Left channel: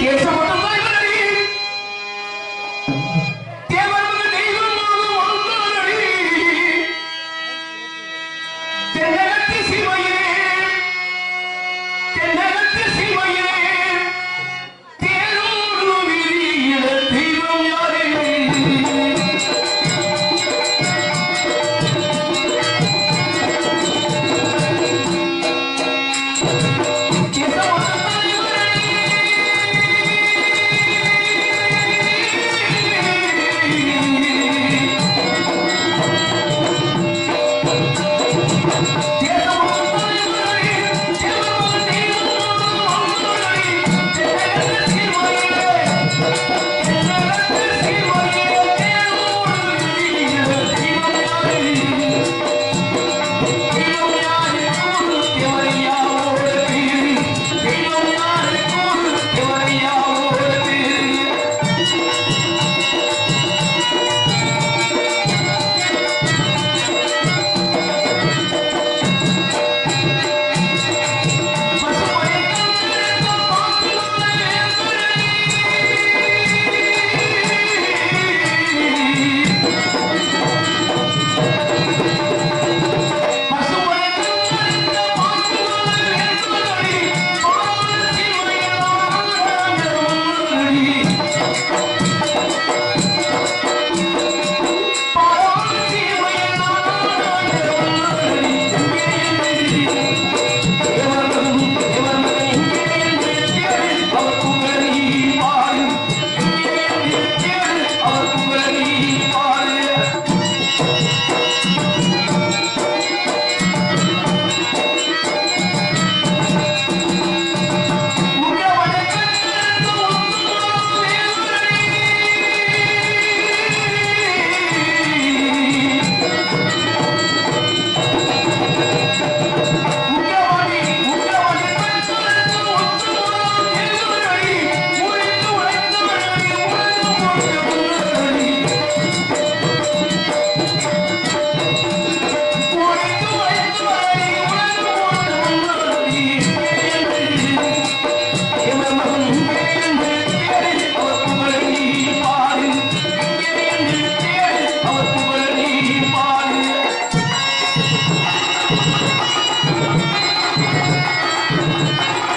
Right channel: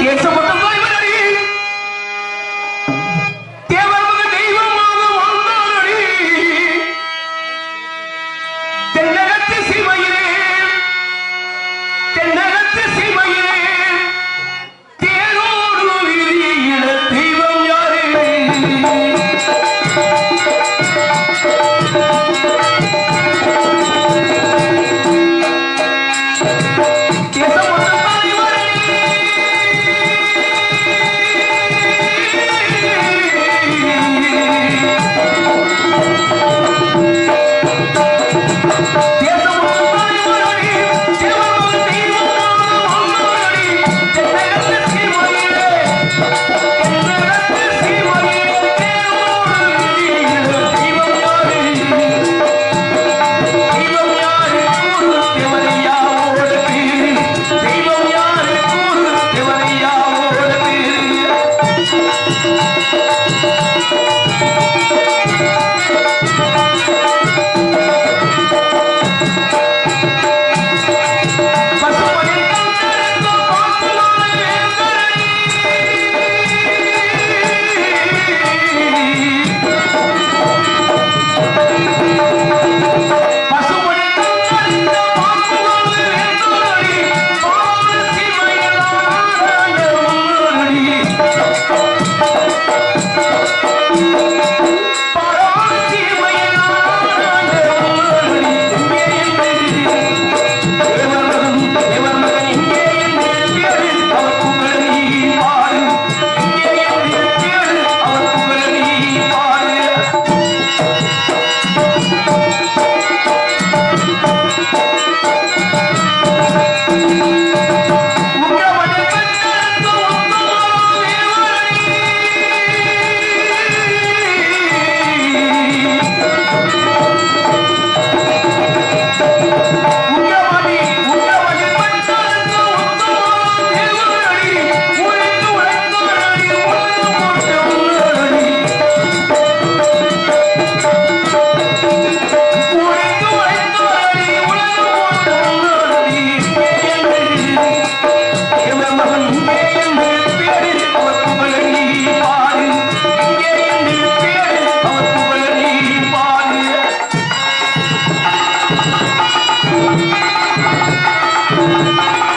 Get someone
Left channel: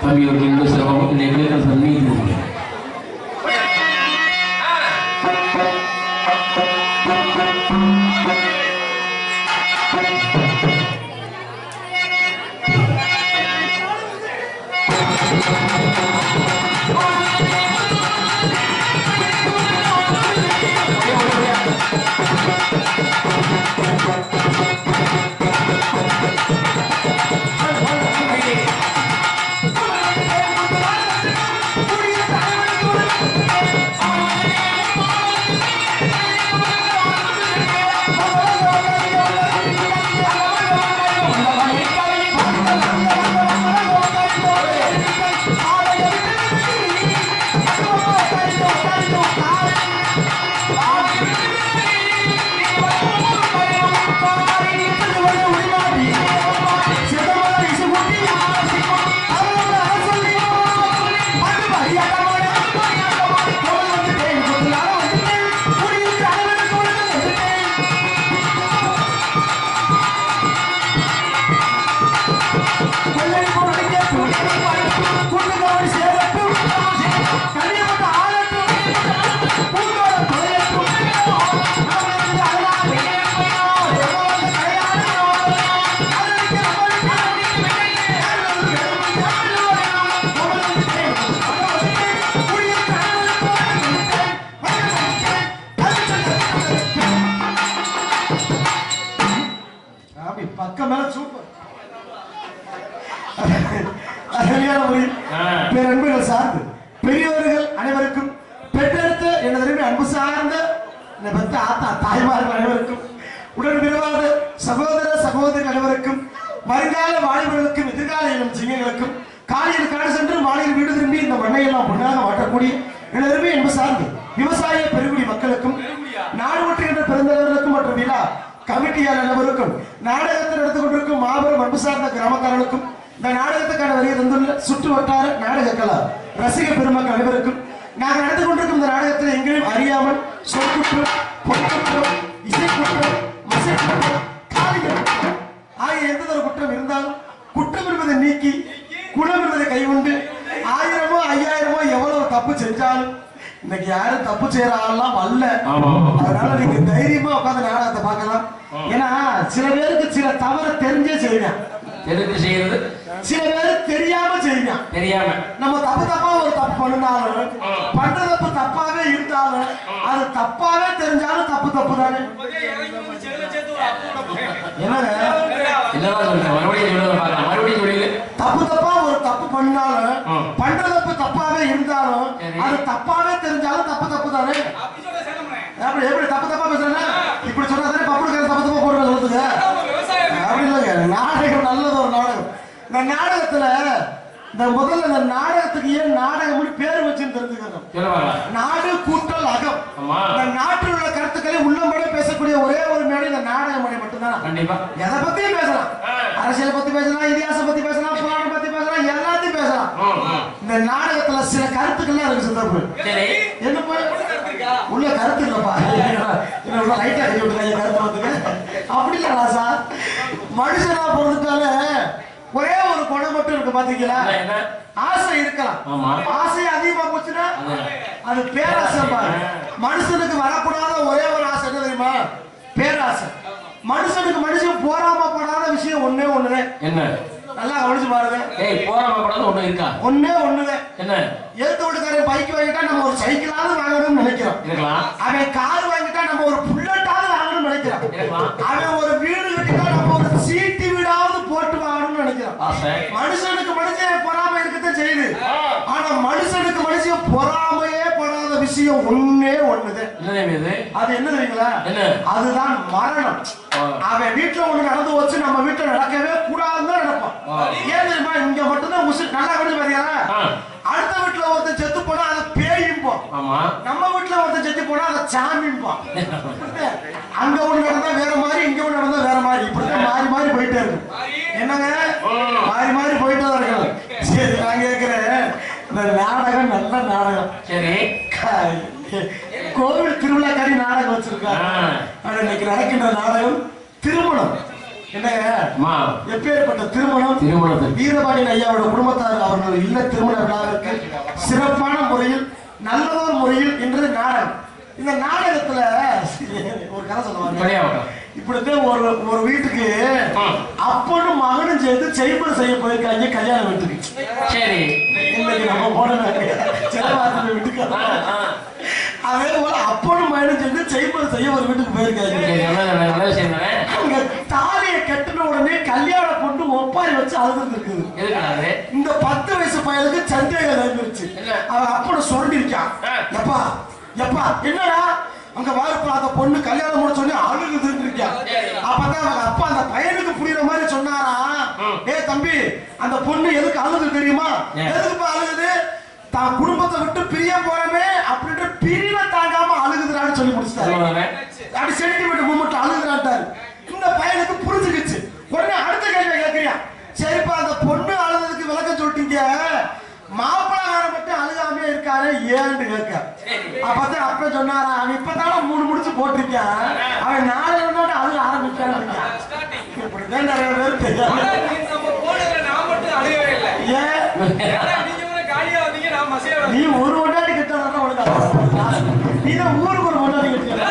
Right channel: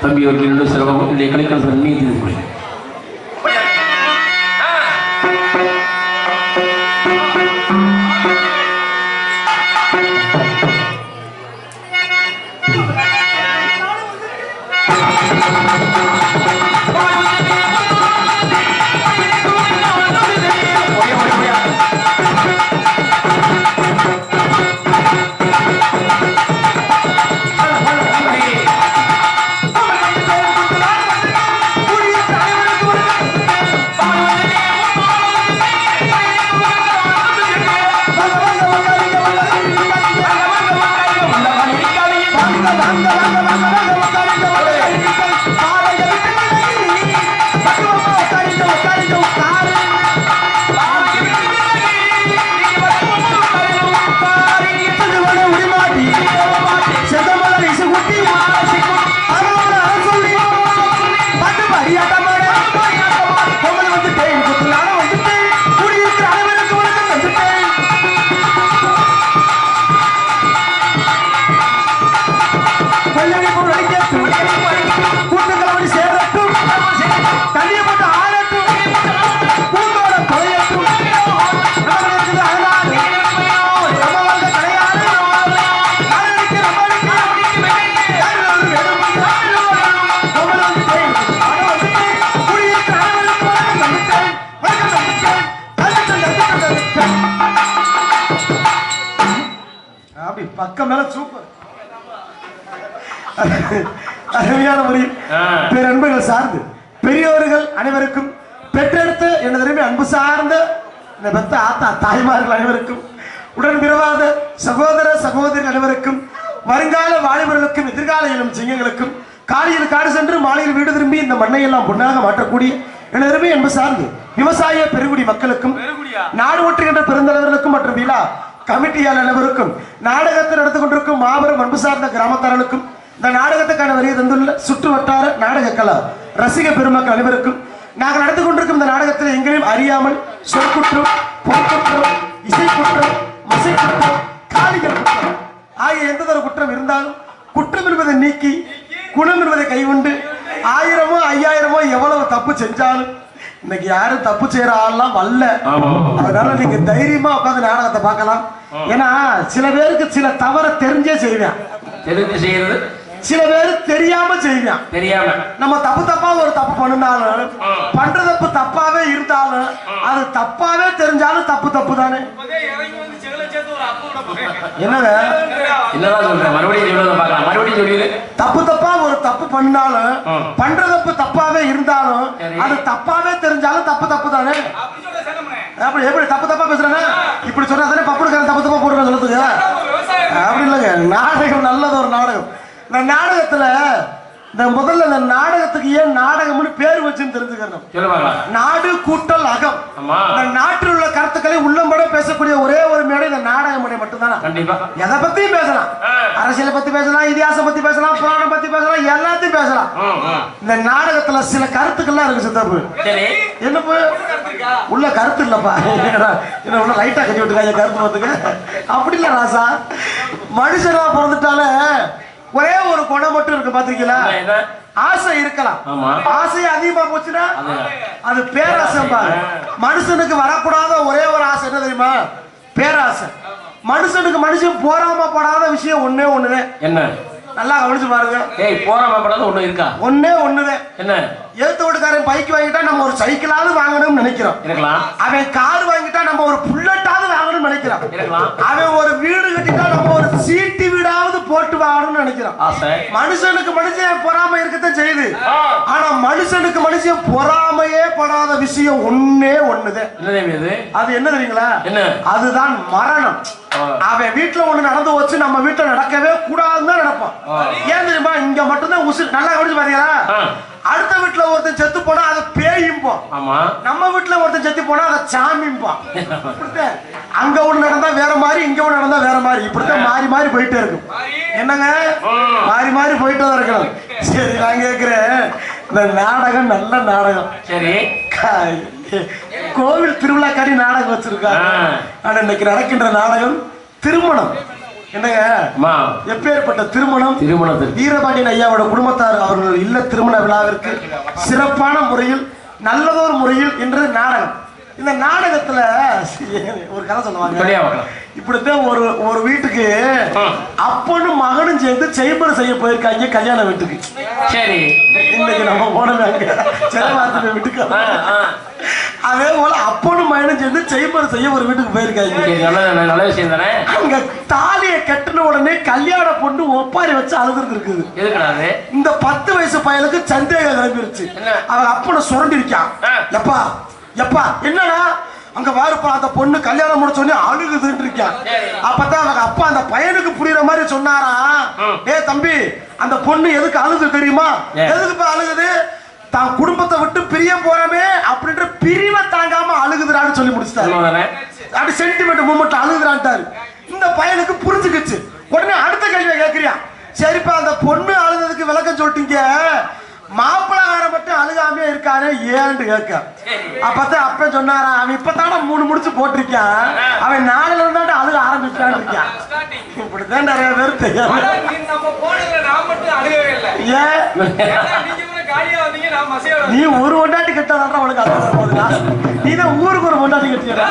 அன்பு தம்பி அவர்கள் சிறப்பாக என்னுடைய கலைக்கரசர் மீது அப்படி பக்கம் மேல சூப்பர். அருமையான பேரன்புகள் சார்ந்து. பெரியவர்கள் அனைவருக்கும் பெற்றெடுத்து எனது அருமை அன்பு சார்ந்த இந்த பெத்த ஆத்தா தாய்மார்கள் அனைவருக்கும் உடன் பிறவாத சகோதர சகோதரி அனைவருக்கும் வருங்கால வாலிபர்களுக்கும் எதிர்கால இளம் சிங்கங்களுக்கும் காலையில் காடு சென்று மாலையில் வீடு திரும்பி இந்த மண்ணை எல்லாம் பொன்னாக மாற்றக்கூடிய எனது அருமை அன்பு சார்ந்து விவசாய பெருங்குடி மக்களுக்கும் நாடு ஒற்றுகின்ற பெருந்தலைவர்களுக்கும் மற்றும் விழா கமிட்டியால் அனைவருக்கும் நாடகத்தை நடந்து கொண்டிருக்கும் மாபெரும் அன்பு சார்ந்த கிராமக்காரர்களுக்கும் இந்த நாடகத்துக்கான வரியை தந்துள்ள சுற்று வட்டார நாடக கலா ரசிக பெருமக்கள் அனைவருக்கும் நாங்கள் நடந்து கொண்டிருக்கும் இந்த நாடகத்தில் எங்களையும் அறியாமல் சொற்குற்றம் பொற்குற்றம் இசைக்குற்றம் மசைக்குற்றம் காலிகள் குற்றம் ஆகிய எந்த ஒரு குற்றம் இருந்தாலும் குற்றம் என்பதை நீக்கி குணம் என்பதை கைவிண்டு ஆயிரமோ ஐயாயிரமோ எவ்வளவு தப்பு செஞ்சாலும் இன்னைக்கு யாரும் தப்பு செய்யற ஆள்லாம் வரல. அதனால நீங்க தைரியமா உட்காந்து நாடகத்தை பார்க்கலாம். ஏன்னா சில பேருக்கு சில தவற தெரிஞ்சே செய்வேன். தெரிந்து செய்யறது? சில பேர் தெரியாம செய்வேன். தெரியாம. நம்ம தப்பு தப்பா ஒரு தப்பு பண்ணினாலும் பண்ற தப்பு தப்பாவே இருந்தாலும் அது தப்பாவே தெரிஞ்சாலும் தப்பு தப்பு தானே என்னங்க? என்னதான் சொல்றேன் மறுபடியும் மறுபடியும் தப்பு தப்பா ஒரு தப்பு பண்ணாலும். பண்ற தப்பு இருந்தாலும். அது தப்பாவே தெரிஞ்சாலும் தப்பு தப்பு தானே அப்படி எப்படி தப்பு தப்பா பேசுறேன்னா? இப்படி சொன்னா தானே பப்புடுக்காரன் தப்பு தப்பா போடுறேன் சொல்லுதுங்க அப்படி இல்லைங்க. நாடகம் நல்லது ஒரு நாடகம். இந்த நாடகத்துல இந்த முதல்ல இந்த நாடகத்துக்கு ஏன் நாடகம்னு பேர் வச்சுன்னு தெரிஞ்சுக்கணும். நாடு கூட்டல் அகம். இந்த நாட்டில் உள்ள கருத்துக்களை உள்ளம்பட பேசக்கூடிய ஒரே நாடக மேடை மட்டும்தான்? கண்டிப்பா. எதை பத்தியும் பேசலாம். அரசியலை பத்தி பேசலாம் இதிகாசம் பத்தி பேசலாம் புராணம் பத்தி பேசலாம் எல்லாத்தையும் பேசலாம். இந்த நாடகத்துல சில கருத்துக்கள்லாம் இருக்கு சித்தப்பு. என்ன உள்ள கருத்து இல்லப்பா. என்ன உள்ள லைட்டா கட்டி விட்டுருக்காங்க கருத்து பார்த்துக்க? அப்படி இல்ல ராசா. மனுஷனா பிறந்துட்டாலே ஒரே ஒரு குணம் மட்டும் இருக்கு பாத்தீங்களா? ஆசை இருக்கலாம். ஆசை அதிகமா போச்சுன்னா அது. பேராசை பாரு மனுஷனுக்கு வரக்கூடாத ஒரே ஒரு ஆசை என்ன தெரியுமா? பேராசை. மனுஷனுக்கு மனுஷன் போராம படாத விஷயம் ஒண்ணே ஒண்ணுதான். என்ன? நல்லா கவனிச்சு பாருங்க. ஏய் போறாம படாத ஒண்ணு இருக்கா? ஒண்ணே ஒண்ணுதான். என்ன? எழுத்து வீட்டுக்காரன் பைக் வாங்கிட்டா நம்ம ஒரு சைக்கிளாவது வாங்கணும்னு நினைக்கிறோம். இருக்கலாம். அவன் கார் வாங்கிட்டா நம்ம ஒரு புல்லட்டாவது வாங்கணும்னு நினைக்கிறோம். இருக்கலாம். அவன் ஒரு வீடு கட்டிட்டா நம்ம ஒரு சீட்டு வீடாவது போட்டு வாங்கணும்னு நினைக்கிறோம். மனுஷனுக்கு மனுஷன் பொறாம இருக்கத்தான் செய்யுது. ஆனா மனுஷனுக்கு மனுஷன் பொறாமையே படாத விஷயம் ஒண்ணே இது? அது என்ன தெரியுங்களா? அதுதான் மரணம். அவன் வீட்டுல ஒண்ணு நடந்து வச்சு நம்ம வீட்டுல நடக்கவே கூடாதுன்னு தான் நடப்பான். ஏன் தெரியுமா? இங்க மட்டும்தான் உசு நல்லா கவனிச்சு பாத்தீங்களா. அடுத்த வீட்டுல ஒருத்தன் செத்து போனா அதை பேயும்போம் நம்ம வீட்டுல ஒருத்தன் செத்து போனா அதை சாமிம்போம். அங்க ஒண்ணு நடந்தா வேற மாதிரி இங்க ஒண்ணு நடந்தா வேற மாதிரி. இப்படித்தான் மாறி மாறி போயிட்டே இருக்கும். என்னங்க. மாறி மாறி போயிட்டு தான் இருக்கணும் சரி நான் கேக்குறேன். இந்த நாடகம் நல்ல நாடகம். சரி. கோவில் திருவிழாக்காரி நாடகம் வச்சிருக்காங்க. ஆனா இன்னைக்கு நடக்கின்ற நாடகம் திருமணம். என்னங்க? எப்பேற்பட்ட திருமணம்? திருமணத்துக்கு வீரபாண்டியன் ஐயாவோட குடும்பத்தார் அவர்கள் இல்ல திருமண விழாவிற்கு சிறப்பான முறையில் நல்லதொரு முறையில் இன்று நாடகம். இந்த நாடகத்துல ஒரு கதை சொல்லுவாங்க. இப்படித்தான் ஒரு ஒரு வீட்டுக்கு. அப்பனும் மகனும் சேர்ந்து செய்பர் செய்ய போயிருக்காங்க கல்யாண வீட்டுக்கு. சரி. இன்னைக்கு நம்ம போனதாங்க செலவாத்து வீட்டுக்கு. அதே போல அப்பனும் மகனும் சேர்ந்து செய்பர் செய்ய ஒரு வீட்டுக்கு போயிருக்காங்க. சரி, நல்ல நல்ல விஷயம் தானே? அங்க தாலியை கட்டின உடனே கல்யாண பொண்ணு ஒப்பாரி வச்சு அழுதுட்டு இருக்குது இந்த பத்து வயசு பையனுக்கு சந்தேகம் கிளம்பிருச்சு? அவன் அப்பனை சுரண்டி இருக்கான் ஆ. எப்பா எப்பா என்னடா? அங்க வாருப்பா அந்த பொண்ணு கல்யாணம் முடிச்ச உடனே அழுகுதுன்னு இருக்கான் அப்பதான் அவங்க அப்பா அந்த பையனுக்கு புரியுற மாதிரி சொன்னாரா. ஏ தம்பி அந்த பொண்ணு எதுக்கு அழுது தெரியுமா? ஏன்? எதுக்கு அழுகுது? தான் குடும்பத்தை விட்டு பிரிய போறமே அப்படின்ற பிரிவை தாங்காம அழுகுதுடான்னு சொல்லி முடிச்சிட்டாரு. அப்படி சென்டிமெண்ட் மூமெண்ட் அழுகுறான்ட்டாரு. இந்த பையனுக்கு புரிஞ்சுக்கிச்சு. உடனே அடுத்த கேள்வியை கேட்கறியான் சரிப்பா அந்த பொண்ணு அழுததுக்கு விளக்கம் சொல்லிட்டீங்க. மாப்பிள்ளக்காரன் மட்டும் அழுகாமே இருக்காரு ஏன்னு கேட்க. அப்பதான் அப்ப சொன்னாரா அவன் இப்பதான மூணு முடிச்சு போட்டிருக்கான். அவன் நாலுல இருந்தாண்டு அழுக ஆரம்பிச்சான்னு இருக்கான் இப்படிதான் நிறைய பேர் தெரியும். நீ ஒரு கொண்டாட்டி கெட்டதான் உனக்கு நீ தான் ஊருக்கு ஒரு கொண்டாட்டி கட்டியா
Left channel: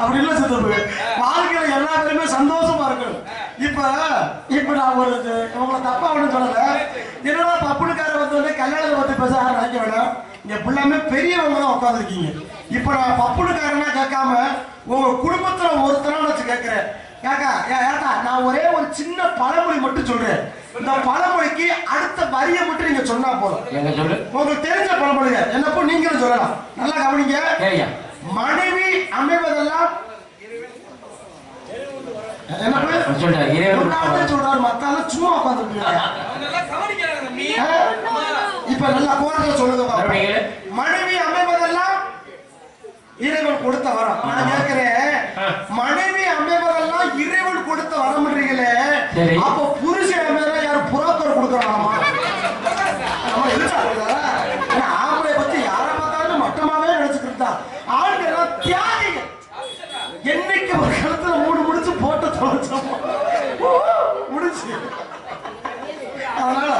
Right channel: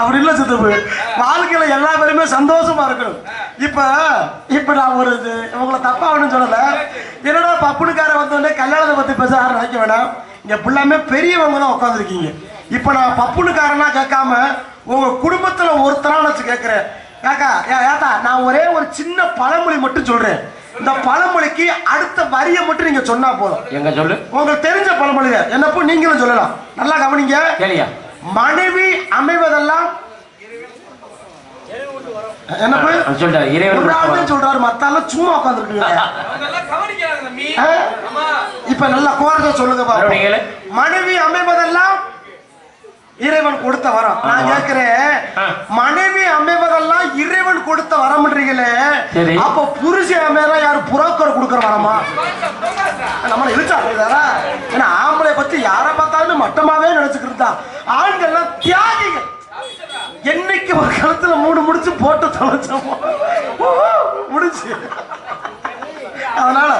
அப்படி இல்ல சித்தப்பு. வாழ்க்கையில எல்லா பேருமே சந்தோஷமா இருக்கணும். இப்ப இப்ப நான் ஒரு உங்களை தப்பா ஒண்ணும் சொல்லல. என்னடா பப்புனுக்கார வந்தோடனே கல்யாணத்தை பத்தி பேச நினைக்க வேண்டாம் இங்க ஃபுல்லாமே பெரியவங்க தான் உட்காந்துருக்கீங்க இப்ப நான் பப்புனுக்காரனா கேட்காம உங்க குடும்பத்துல ஒருத்தரா வச்சு கேட்கிறேன். காக்கா ஏ ஏத்தா நான் ஒரே ஒரு சின்ன பழமொழி மட்டும் சொல்றேன். இந்த பழமொழிக்கு அடுத்த வரியை மட்டும் நீங்க சொன்னா போதும். எங்க சொல்லு? உங்களுக்கு தெரிஞ்ச பழமொழிங்க என்னப்போ நீங்களும் சொல்லலாம். நல்லா கவனிங்க. மனைவி அமைவதெல்லாம் இறைவன் சொல்றாரு சும்மா இப்ப நல்லா சொல்லுங்க. மனைவி அமைவதெல்லாம் இறைவன் கொடுத்த வரம். நான் ஆ. மனைவி அமைவதெல்லாம் இறைவன் கொடுத்த வரம்ன்றீங்களே. அப்ப புருஷன் அமையறா யாரு புரோக்கர் கொடுக்கற வரமா? நம்மள ஏன்னா ஆம்பளை பத்தி யாரை பார்த்தாலும் மட்டமாவே நினைச்சுக்கிட்டு தான் ஆண்கள் எல்லாம் தியாகிகள் என்னைக்கு ஒரு கழுத்துல மூணு முடிச்சு போட்டு தொலைச்சோமோ? முடிச்சு. அதனால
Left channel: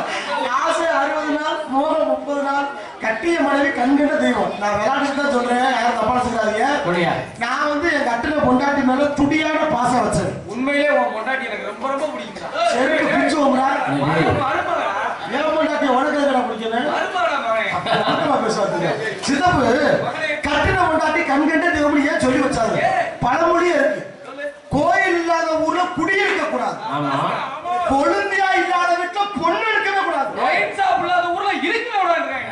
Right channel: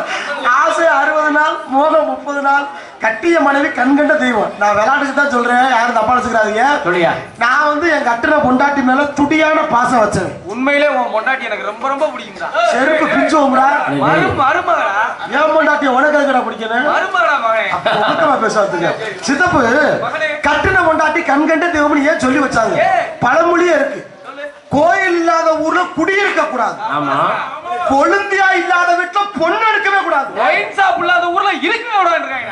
ஆசை அறுபது நாள் மோகம் முப்பது நாள் கட்டிய மனைவி கண்கண்ட தெய்வம். நான் விளையாட்டுக்கு தான் சொல்றேன் யாரும் தப்பா வச்சுக்கிறாதீங்க சொல்லியா நான் வந்து என் கட்டின பொண்டாட்டி மேல துடியான பாசம் வச்சேன். உண்மையிலே உன் பொண்டாட்டி எனக்கு ரொம்ப ரொம்ப பிடிக்கும்டா. செருப்பு பிச்சு ஓமுடா மரு மருமகடா? என் பொண்டாட்டி உனக்கு எதுக்கடா பிடிக்கணும் பேசுவாங்க சித்தப்பு கட்டின பொண்டாட்டி கண்கண்ட தெய்வம்னு ஏன் சொல்லி வச்சாங்க? பழமொழியே இருக்கு. கோயில் இல்லாத ஊர்ல குடியிருக்க கூடாது. ஆமா. கொழுந்தியா இல்லாத வீட்டுல பொண்ணு எடுக்கவே கூடாது. ஒயின் ஷாப் இல்லாத ஊர்ல இருக்கவே விடாதுன்றாங்க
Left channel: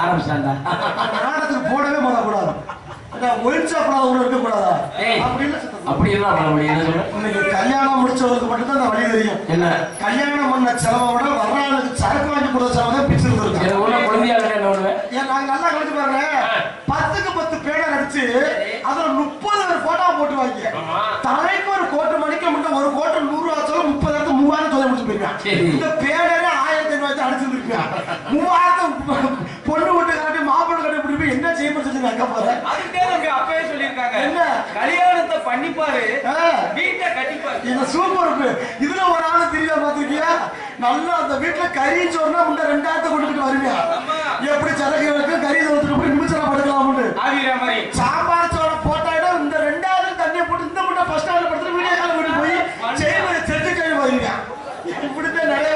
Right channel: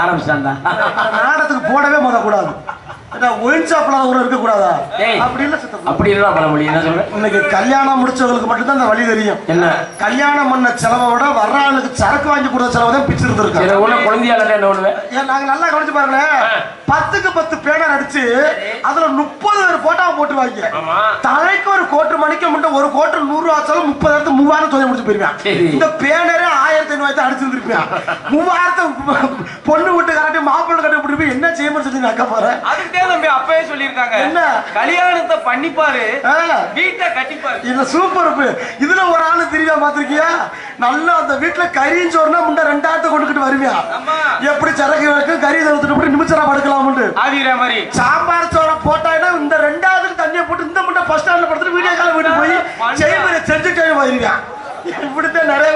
ஆரம்பிச்சாண்டா நாடகத்துக்கு போடவே முத கூடாது ஒயின் இருக்க கூடாதா. அப்படி இல்ல இன்னைக்கு கல்யாணம் முடிச்சவங்களுக்கு மட்டும்தான் அந்த வழி தெரியும். என்ன? கல்யாணம் பண்ண செலவை விட வர்ற ஆளுக்கு சரக்கு வாங்கி கொடுத்த செலவை தான் பிச்சு குழந்தையால என்ன பண்ணுவேன் ஏன் நாங்க நல்லா கவனிச்சு பாருங்க பத்துக்கு பத்து பேனர் அடிச்சு அதுல முப்பது ஒரு போட்டோவை போட்டுருவாங்க. ஆமா. தலைக்கு ஒரு கோட்டு மணிக்கு மட்டும் ஒரு கோட்டு நூறு ரூபா முப்பதாயிரத்து மூவாயிரம் சொல்லி முடிச்சு போயிருவேன். இந்த பேனரே ஆயிரத்தி ஐநூறு அடிச்சிருந்திருப்பேன் மூவாயிரத்து பொண்ணு விட்டு கட்டி மாப்பிள்ளை கட்டி விட்டு என்ன செய்யணும்னு சொல்லி நான் போறேன் அதுக்கிட்டே தம்பி அப்பவே சொல்லியிருக்காங்க. என்ன? கல்யாணத்தை பண்ணிப்பாரு. வீட்டை கட்டிப்பாரு. இது சூப்பர் இருக்கு. இதுல ஒரு ஆளு தெரியுமா பாத்திருக்கியா நல்லா அந்த வீட்டுல கறின்னு சொன்னா முன்ன ரெண்டாயிரத்தை கொண்டுகிட்டு வருவியா. எப்படி சரக்கு வைக்க கறி தவிர்த்துட்டு போய் நிமிஷம் படுக்கலாம்னு ஆவிர மாதிரி. சாம்பார் சோளம் போட்டாயினா இந்த ரெண்டாவது தண்ணியை போட்டு இந்த முட்டை ஃபர்ஸ்ட் ஸ்டாண்ட்ல படுத்துட்டு வீடியோ கால் போய் செய்முறை செஞ்சு கழிவு வருவியா இப்படித்தான் நிறைய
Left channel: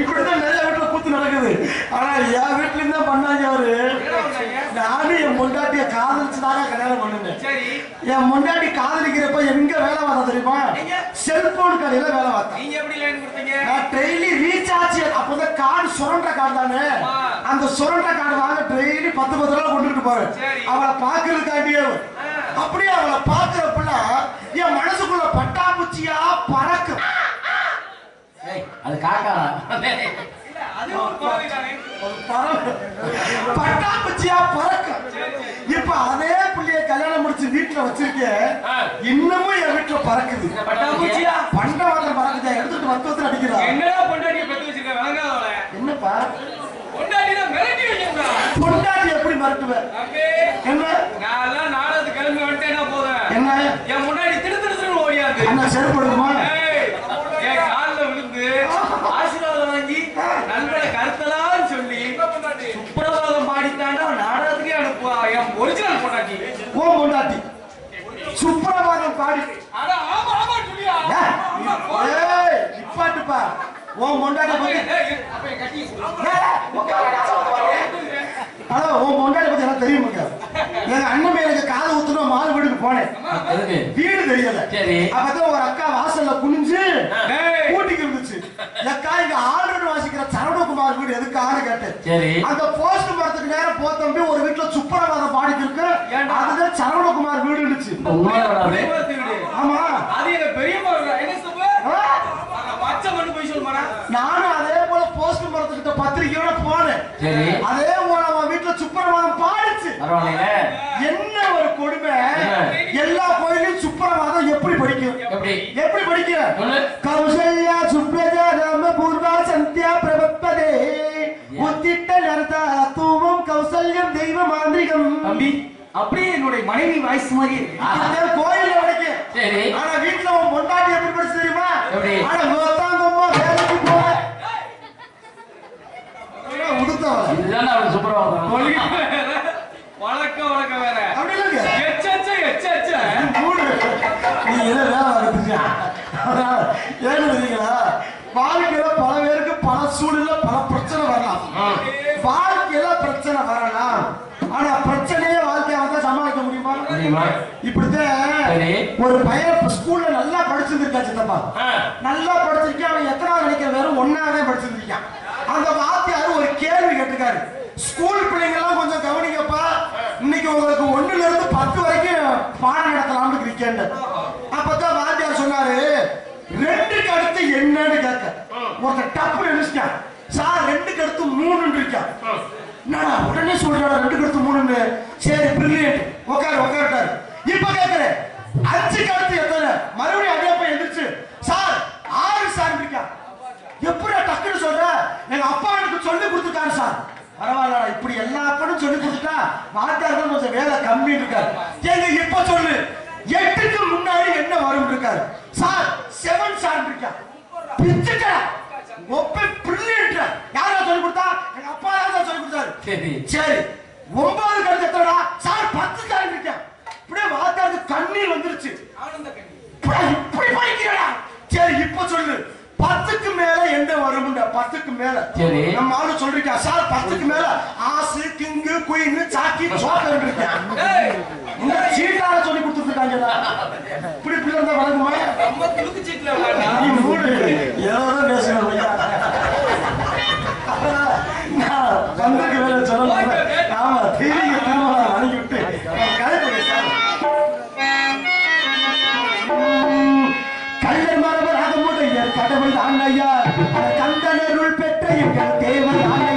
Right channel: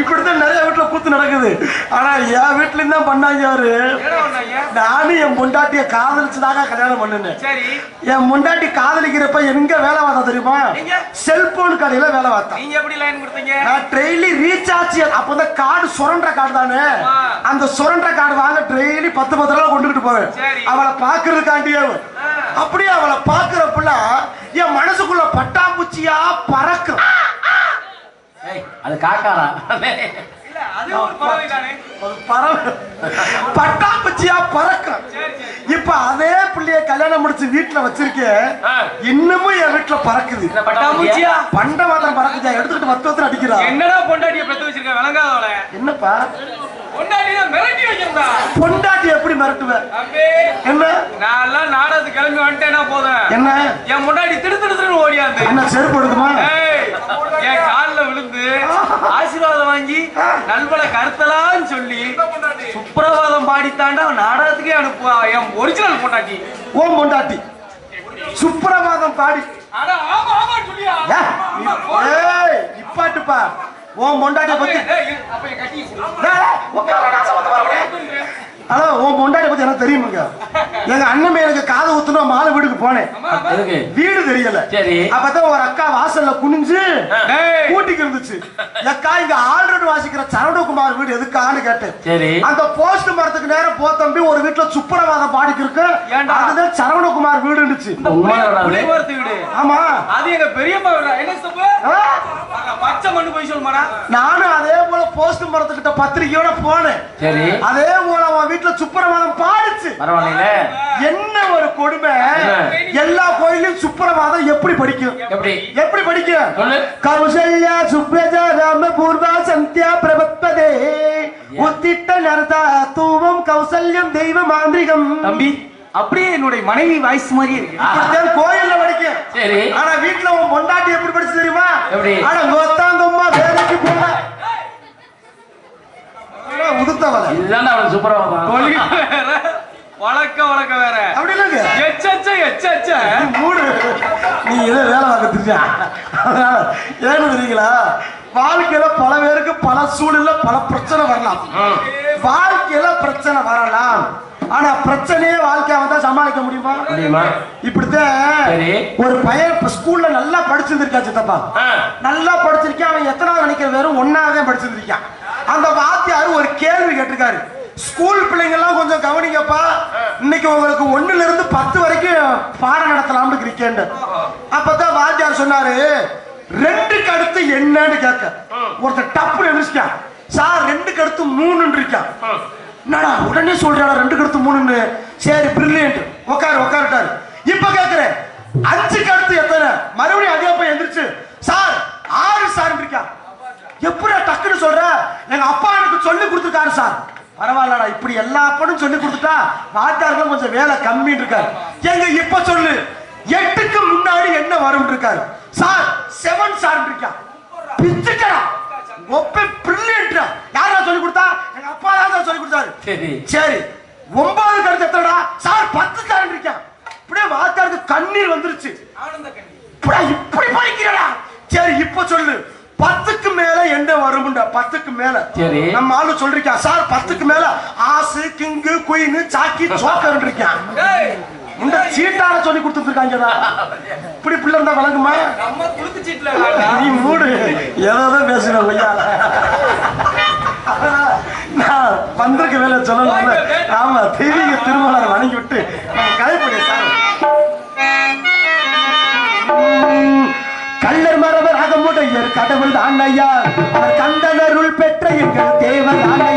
இப்படித்தான் நிறைய வீட்டுல கூத்து நடக்குது. ஆனா என் வீட்லயும் தான் பண்ணாங்க அவரு. நானும் என் பொண்டாட்டிய காதலிச்சுதாங்க கல்யாணம் பண்ணுனேன் என் முண்டாட்டி காதலிக்கிறப்ப எங்க வேலை பார்த்தா தெரியுமா? செல்போன் கடையில வேலை பார்த்தா. நீங்க எப்படி லைன் கொடுத்தீங்க? நான் டெய்லி ரீசார்ஜ் அப்ப இந்த கார்டு சுரண்ட கார்டு தானே. அந்த சுரண்ட கார்டு வாங்க டெய்லி பத்து பத்து ரூபா கொண்டுகிட்டு போவேன். அவளை பாக்குறதுக்காண்டியே. அப்படியே அவளை பாக்குறப்பல என் மனசுக்குள்ள பட்டாம்பூச்சியா பறக்கும் அது காக்காரா இல்ல அது ஒரு பறவை தானே. அது பறவை. பட்டாம்பூச்சியா பறக்கும் இப்ப அதே பிள்ளைய கல்யாணம் முடிச்சு வீட்டுல வச்சிருக்கேன். இன்னமும் என் வீட்டுல பறக்குது. பட்டாம்பூச்சியா? பண்ட மாதம் பறக்குதா. எடுத்துட்டு வத்து வத்து அடிக்கிறா. என்னடா பொண்டாட்டிய பெத்து வச்சிருக்க? விளங்காதவள. என்னப்பா. பொண்டாட்டி எப்படி மிரட்டுவ? தம்பி, என்ன? நான் எல்லாம் நாடகத்துக்கு கிளம்பி வந்துட்டேன்னா போதும். என்ன? என் முன்னாடி திடு திடுன்னு ஓடியாந்து. என்ன செருப்பு எடுக்குமா? என் கால்ல விழுந்து ஆசீர்வாதம் வாங்கி நண்பனை கருத்தலான்னு சொல்லி சுப்பிரபாதம் பாடித்தாண்டா நாடகத்துக்கே அனுப்புவா. என் ஒரிஜினல் பொண்டாட்டி. ஓ பொண்டாட்டி. சுப்பிரபாதம் பாடி நிப்பாட்டுப்பா. உன் பொண்டாட்டிய பத்தி. ஹலோ உன் பொண்டாட்டிய பத்தி எனக்கு தெரியுமுங்க? எங்க அண்ணன் எனக்கு காது ஊத்துனா மாலை வீட்டுக்கு போனேன். வீடு தெரியல. சரி. அப்பதான் ஒரு அக்கா வாசல்ல குனிஞ்சு. கூட்டிக்கு இருந்துச்சு. அக்கா இங்க ஆல்ரெடி வாசிக்கிற சரவணகுமார் வீடு எதுக்கான்னு கேட்டேன். சரி. அந்த போஸ்ட் மரத்துக்கு நேரம் போ தம்பி. ஒரு வீட்டுல சுப்பரவாதம் பாடிக்கு இருக்கு. ஏன்டா? அதுதான் சரவணகுமார் வீடு இருந்துச்சு ஆமா. அது எங்க பெரியம்மா. என்ன போய் சொல்லுமாடா நானும் அதே போல போஸ்ட் மரத்துக்கிட்ட பத்திரிக்கையோட போனேன். சரி. அதே போல அவன் வீட்டுல சுப்பரவாதம் பாடிச்சு. பரவாயில்லைங்களே என்ன ஒரு கொடுமை. என்ன? எல்லா கோயிலையும் சுப்பரவாதம் எப்படி படிக்கும்? எப்படி? எப்படி படிக்கும்? சொல்லு. கௌசல்யா சுப்ரஜா ராம பூர்வா சந்தியா பிரபத்பதே. உத்திட்ட நரதா தூவம் கௌசல்யம் தெய்வ மாந்திரிகம். தம்பி அப்படியே என்னுடைய மனைவி வாய்ஸ் கோயில்ல படிக்கும். சரி. ஆனா வீட்டுல உன் பொண்டாட்டி எப்படி படிச்சு தெரியுமா? ஆனா உடுத்தவள இதுதான் அவன் சுப்பிரபாதம் வழக்க வழக்க வேற. அப்படி இல்லைங்க எச்சச்ச எச்சச்ச. மூடு. நீ இதை வேலை பார்த்துட்டியா ஏன்னு தெரியுங்களா? வாழ்க்கையில பல பேருக்கு பல சூழல்ல பல பிரச்சனை வரலாம். வாழ்க்கையில பிரச்சனை வரலாம். ஆனா பிரச்சனையே வாழ்க்கைய வந்தா சமாளிக்க முடியுமா? முடியுமா? இப்படித்தான். ஒரு பையன் ஸ்கூல்ல நல்லா படிச்சிருந்திருக்கா சித்தப்பா. நல்லா படிச்சிருக்கான் அவன் எத்தனாவது நினைக்கிற வெறும் ஒன்னாவதே படிச்சிருந்திருக்கான். அந்த வாத்தியார் ஒரு கேள்வி கேட்டிருக்காரு. ஸ்கூல் பிள்ளைங்க எல்லாம் கொஞ்சம் கவனிங்கப்பா. இன்னைக்கு உங்களுக்கு ஒண்ணுல இருந்து பத்து வரைக்கும் பாடம் நடத்தலாம்னு இருக்கேன் அப்பதான் வாத்தியார் சொன்னாரு ரெண்டுக்கு அடுத்து என்னன்னு கேட்க. ஒருத்தர் டப்பு நினைச்சிட்டான் சார் ரெண்டுக்கு அடுத்து மூணுன்னு இருக்கா. என்னடா உடனே சொல்றாடா ரெண்டுக்கு அடுத்து மூணுன்னு. சரி பிரில்லியன்ட் உட்காரு உட்காருட்டாரு இப்ப கேக்குறேன். அஞ்சுக்கு அடுத்து எத்தனை? மறுபடியும் அதே போய் எந்திரிச்சு சார் ஆறு சார் இருக்கா. எப்படி டக்குன்னு சொல்ற? எங்க அப்பா எனக்கு சொல்லி கொடுத்துருக்காரு சார். பரவாயில்லடா இப்படி எல்லா அப்பனும் சொல்லி கொடுத்துட்டா வாத்தியாருக்கு கொஞ்சம் வேலை கம்மின்னு இருக்காரு. எங்க இப்ப சொல்லு. எட்டுக்கு முன்னாடி என்ன வரும் இருக்காரு. சார் செவன் சார் இருக்கா. பிச்சுக்கடா. ஒப்பே பிரில்லியன்ட் யாரா சொல்லி கொடுத்தா? எங்க அப்பா தான் சொல்லி கொடுத்தாரு. சரி. சரி. ஒன்பது எத்தனடா? சார் பத்து சார் இருக்கேன் இப்படியே வாத்தாருக்கு கண்ணீர் வந்துருச்சு. ஆனந்த கண்ணி இப்படா இப்படி படிக்கிறடா சரி இப்ப சொல்லு. பத்துக்கு மேல என்ன வரும்டா பத்துக்கு மேல. சரி. நம்ம ஆளு சொல்றீங்க சார் பத்துக்கு மேல ஆசு கிங்கு குயின் சாக்கி சோக்கர் இருக்கான். இந்த சீட்டார சொல்லி கொடுத்துருக்காங்கடா. இப்படி பிள்ளை இருந்தா வழங்குமா? நம்ம குலுக்கு சீட்ல விளையாண்டா நீ மூடு. ஏதோ பேசுறேன் ஐயா நான் வேலை ஆமா தெரிய திருமணம் வணங்கி விட்டு கடவுள் தான் ஐயா. அவர் கந்தனருள் பெற்ற எங்கள் தேவன் தான் ஐயா.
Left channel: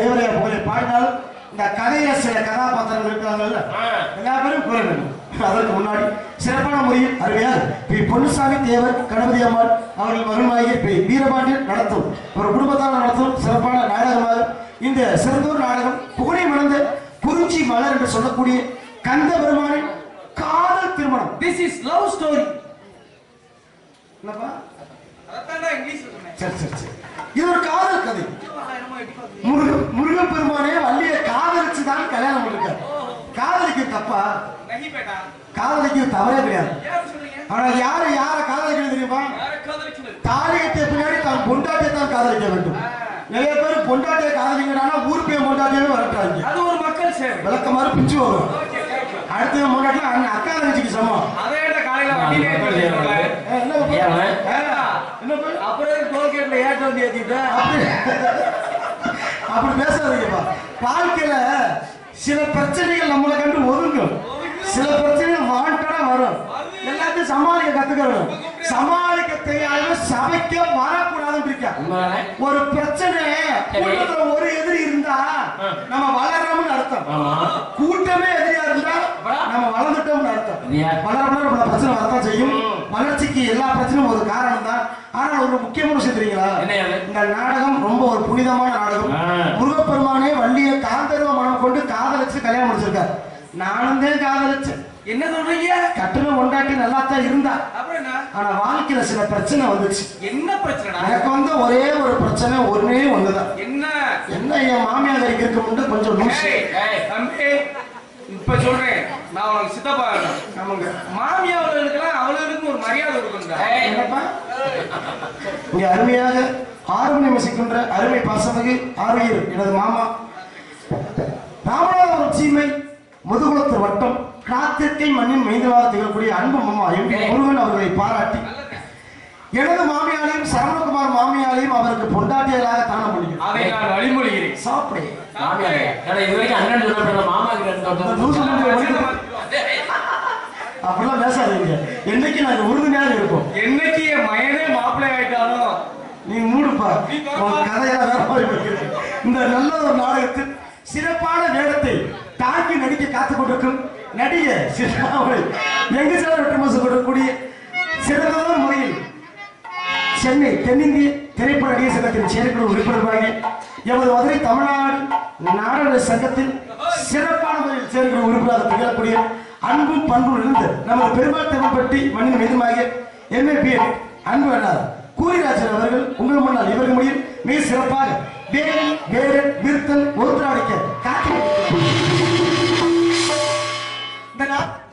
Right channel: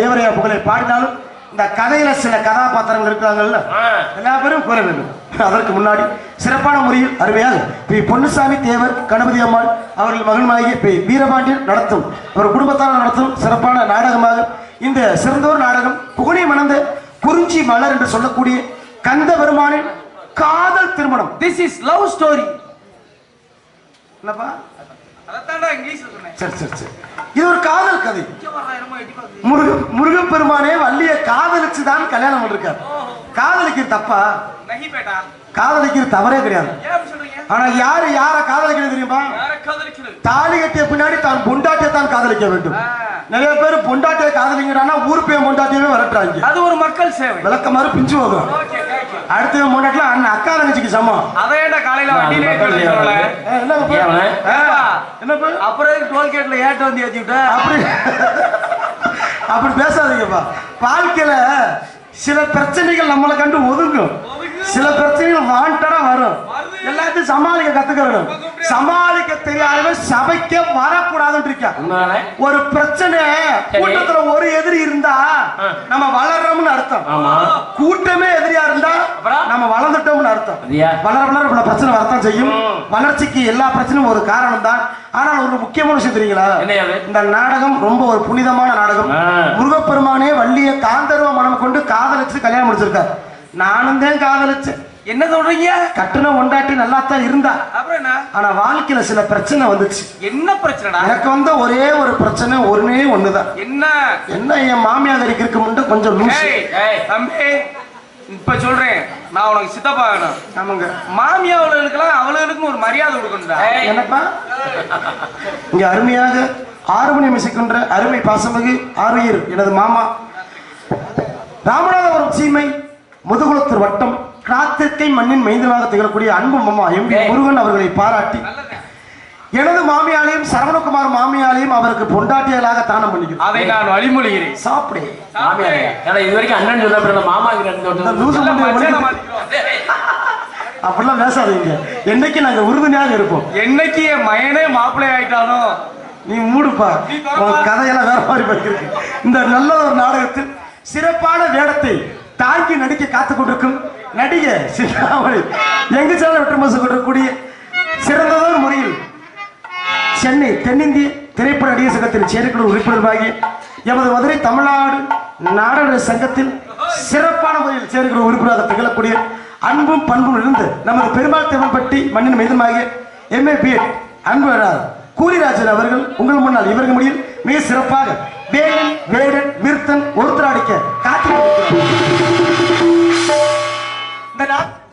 தேவரையா புகழை பாடினாலும் இந்த கதையில சில கதாபாத்திரங்கள் இருக்கிறாங்கல்ல எல்லா பேரும் வேண்டும். அதற்கு முன்னாடி சிறப்பான முறையில் அருமையாக பி. பொன்னுசாமி தேவர் கணபதி அம்மாள் அவர்கள் மகன்மாகிய பி. வீரபாண்டியன் நடத்தும் ஒரு குடும்பத்தால் நடத்தும் சிறப்பான நாடகமாக இந்த சிறந்தோர் நாடகம் புகழை மணந்த குறிஞ்சி மலர் என்று சொல்லக்கூடிய கந்த பெருமானின் காதல் திருமணம். திஸ் இஸ் லவ் ஸ்டோரி என்னப்பா? அதைத்தான்டா இங்கிலீஷ்ல சொன்னேன். சரி சரி சரி. இது ஒரு காதல் கதை. முருக முருகப்பெருமானே வள்ளிய காதலிச்சு தான் கல்யாணம் பண்ணிருக்காரு. காதலிக்க தப்பா? காதலிக்கிறது தவறே கிடையாது. ஆனா யாரு யார காதலிக்கிறது தெரியுமா? காதலிக்கிறது தாலி கட்டிய பின்னாடி தான் பொண்டாட்டியை தான் காதலிக்க வேண்டும். நிறைய பேர் பொண்டாட்டியை காதலிங்கிறானா ஊர் பேர் பொண்டாட்டியவே வரட்டுறாங்க. அது ஒரு மக்கள் சேவை. விளக்க மாதிரி பிஞ்சு போகும் ஓகே தேங்க்யூ அடுத்த பொண்டாட்டில அண்ணன் அக்கா தங்கச்சிக்கு சமம். அதை ஏன்டா காலையில வண்டியிலே என்ன அப்புறம் டோல்கேட்ல ஏட்ட வந்து ஏத்திவிட்ட அப்படி அப்படி பேசாதீங்கப்பா. வாழ்க்கையில சில பிரச்சனைகள் நம்மளை கண்டு ஒதுங்கும். சில பிரச்சனைகள் வாண்டடா வரும். எல்லாத்தையும் சமாளிக்க கத்துக்க வேணும் சமாளிக்க தெரியாதவன் சபைக்கே வரக்கூடாதுன்னு இருக்கா? ஒரு பிரச்சனை கூட்டத்துல ஒரு எதிரி இருந்தா நம்ம வளர்றோம்னு அர்த்தம். கூட்டமே எதிரியா இருந்தா? நம்ம வளர்ந்துட்டோம்னு அர்த்தம்? வளர வளர பிரச்சனை வரத்தான் செய்யும். வளர்ச்சிக்கு எல்லா பிரச்சனையும் ஒரு காரணம் தான் ஆனால் ஒரு முக்கியமான விஷயம் தெரியுங்களா? இந்த நாடகம் ரொம்ப ஒரு புனிதமான நாடகம். முருகப்பெருமானே வள்ளிய காந்தர்வ மனம் கொண்டு காதலிச்சு கல்யாணம் முடிச்சிருக்காரு. நானும் தான் காதலிச்சேன். என்ன சொல்றீங்க? கட்டுன ஒண்டாட்டி நல்லா தான் இருந்தா. அப்புறம் என்ன? ஆனா வாழ்க்கையில சில பிரச்சனை வந்துச்சு. என்ன பிரச்சனைடா? எனக்கு வந்த ஒரே ஒரு பிரச்சனை ஒண்ணே ஒண்ணுதான். என்ன? என்ன என் மாமியார் இருக்கு மட்டும் கொஞ்சம் தம்பி இப்ப சொல்றேன். நான் உனக்கு சித்தப்பா வேணும். ஆமாங்க. மாமியா அவளுக்கெல்லாம் அவளுக்கும் ஒரு மரியாதை கொடுக்கணும்டா. என்னப்பா? இங்க அருமையாக ஆறுமணி மிசிக்கின்ற அருமை பாசமிகு ஆறுயிர் எனது மாமா. ராமநாதபுரம் சீமை. முதுகுளத்தூர் வட்டம் கிராத்திற்கை மண்ணின் மைந்தனாக திகழக்கூடிய அன்பு மாமா எம் வி. முருகன் அவர்களை பாராட்டி எனது மாமியாலையும் சரவணகுமார் மாமியாலையும் அவருக்கு பொண்டாட்டியலாக தானம் பண்ணிக்கிறேன். அதை நான் வழிமொழிகிறேன். சாப்பிடு. இது வரைக்கும் அண்ணன் சொன்ன மாமா. அப்படிலாம் பேசாதீங்க. என்னைக்கு நாங்க உறுதுணையாக இருப்போம்? என்னைக்கு என் மயனே மாப்பிள்ளை ஆயிட்டானோ? நீ மூடுப்பா. கதையெல்லாம் வேற மாதிரி இந்த நல்ல ஒரு நாடகத்தில் சிறப்பான வேடத்தை தாங்கி நடிக்க காத்து கொண்டிருக்கும் நடிகை சிந்தாமணி. எங்க சேர வெற்றமசு கொண்டிருக்கக்கூடிய சிறந்ததொரு முறையில் சென்னை தென்னிந்திய திரைப்பட நடிகர் சங்கத்தின் செயற்குழு உறுப்பினராகி எமது மதுரை தமிழ்நாடு நாடக சங்கத்தில் சிறப்பான முறையில் செயற்குழு உறுப்பினராக திகழக்கூடிய அன்பும் பண்பும் இருந்து நமது பெருமாள் தேவன்பட்டி மண்ணின் மீதுமாகிய எம்ஏ பிஎட் அன்பு அண்ணார் கூலிராஜன் அவர்கள் உங்கள் முன்னால் இவர்கள் முடியும் மிக சிறப்பாக வேடன் வேடன் থাকবে না